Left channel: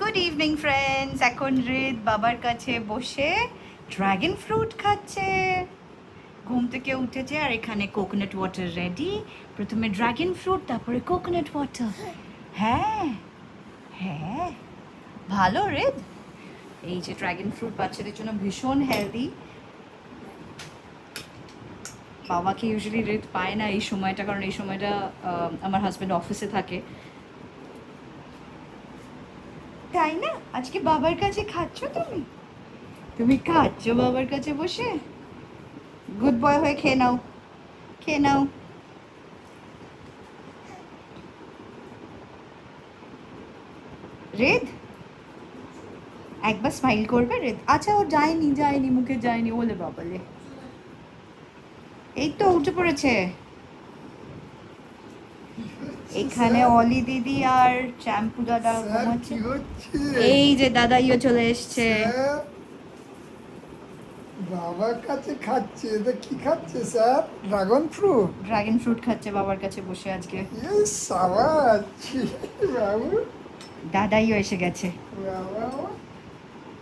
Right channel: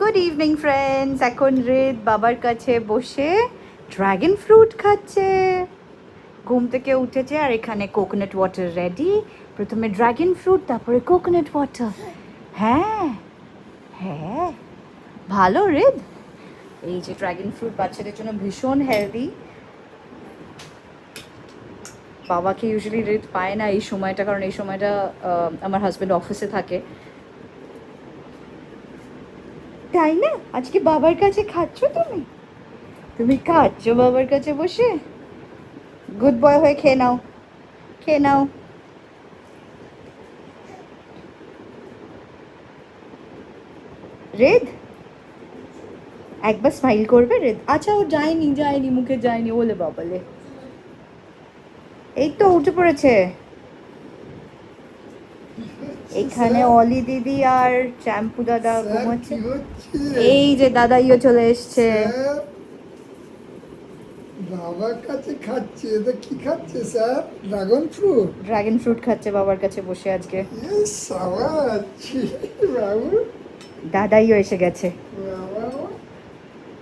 Good evening friends. এখন রিদ বাবার কাছে বসে ড্রাগন ফ্রুট খাচ্ছে। ঘুম থেকে উঠেছে আর এখানে কোকোনাট ওয়াটার রেডি। প্রথমে ড্রাগন ফ্রুট, তারপরে কোকোনাট ওয়াটার। হ্যাঁ হ্যাঁ, ভালো রিদ। এই যে ড্রাগন ফ্রুট বাচ্চাদের জন্য ভীষণ হেলদি। বাবাকে ইউজুয়ালি রিদ পায় না এই সময়টা, কারণ এই সময়টা আমার হাজব্যান্ড অফিসে থাকে। তাই না? আজকে বাবার কাছে খাচ্ছ তুমি? তুমি খাচ্ছ বাবার কাছে বসে? গুড বয় হয়ে খেয়ে নাও, খেয়ে নাও। রেদ, একবার স্মাইল করবে রেদ? আচ্ছা, ও যায়নি মুখে যায়নি, ওলে বাবালে। এই তো উঠে পড়েছে। এখানে অলি দিদি আর চ্যাম্পু দাদা ঘুমাচ্ছে। এই যে দাদাইও চলে এসছে। বাবার কাছে খাচ্ছে। এটা কি খাচ্ছে sir? Dragon fruit. Dragon fruit খাচ্ছে বাবার কাছে বসে আজকে। সাবাস বাবু, দাদাইও এসে গেছে। বাবা